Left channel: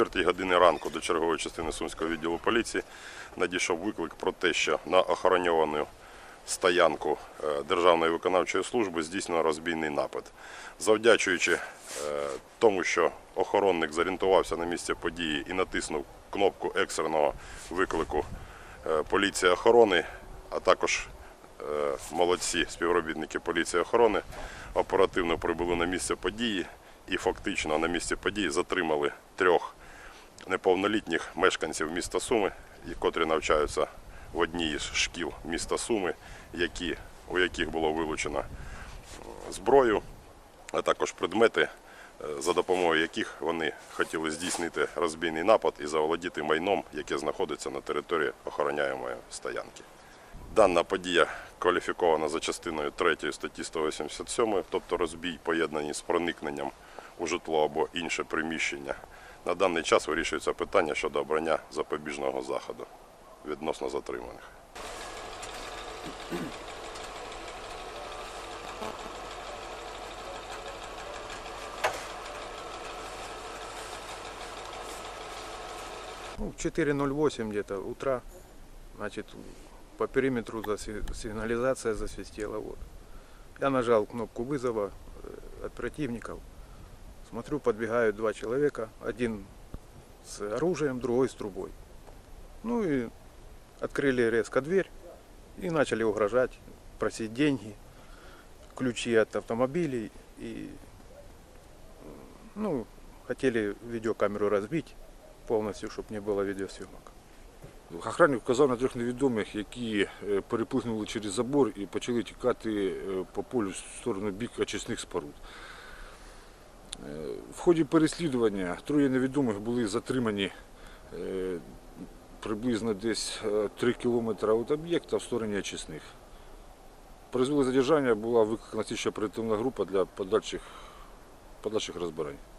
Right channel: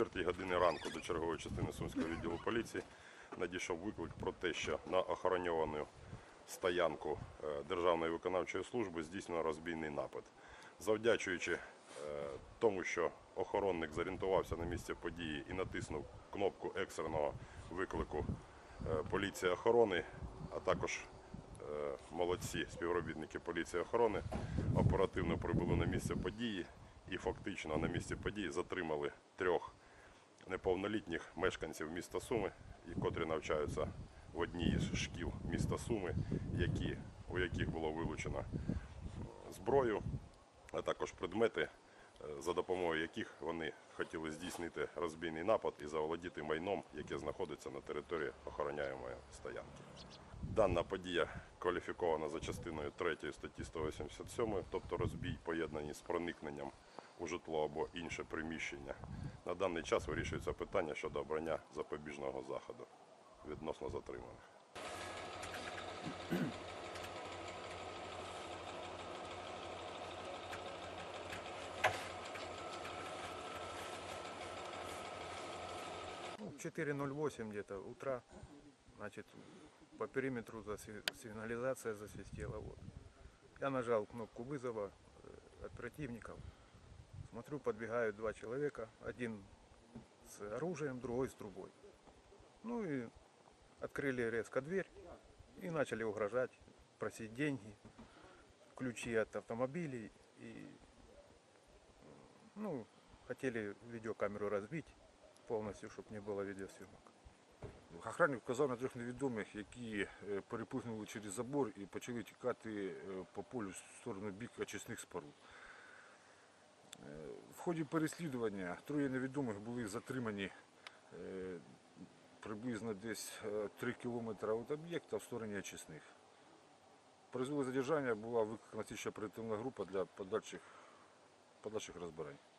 четвертій годині ранку до чергової частини Сумського відділу поліції надійшов виклик про те, що на охороньовану стоянку е, Державної виконавчої служби здійснено розбійний напад. Завдячуючи е, тому, що охоронник зорієнтувався на місце події і натиснув кнопку екстреного виклику е, поліції охорони, а також молодці співробітники поліції охорони оперативно прибули на місце події і фактично на місці події затримали трьох неповнолітніх мешканців міста Суми, котрі навчаються в одній із шкіл міста Суми, які, у яких було вилучено зброю, а також предмети, е, за допомогою яких вони хотіли здійснити розбійний напад і заволодіти майном, яке знаходиться на території охороняємої стоянки. Дана подія кваліфікована за частиною 3 статті 187, тобто розбій поєднаний з проникненням у житло або інше приміщення. На даний час вирішується питання щодо обрання запобіжного заходу відносно затриманих. Ну, в 4.08 где-то утра, значит, по периметру сигнализация засвистела. Вот. Я нажал кнопку вызова э, от противников. Смотрю, подбегают два человека, один с оружием, другой с трубой. Ну и открыли резко дверь и начали угрожать, просить деньги, ключи от автомобилей и ну, хотели видеокамеру разбить полностью, чтобы не было видеосъемок. Охранник вказав на трьох невідомих, які е, переплигнули через забор і почали тікати е, по полю в сторону бік очисних споруд. Е, В ході переслідування троє невідомих були затримані е, приблизно десь 3 кілометри від об'єкта в стороні очисних. Призвели задержання була викликана ще оперативна група для подальших, подальших розбирань.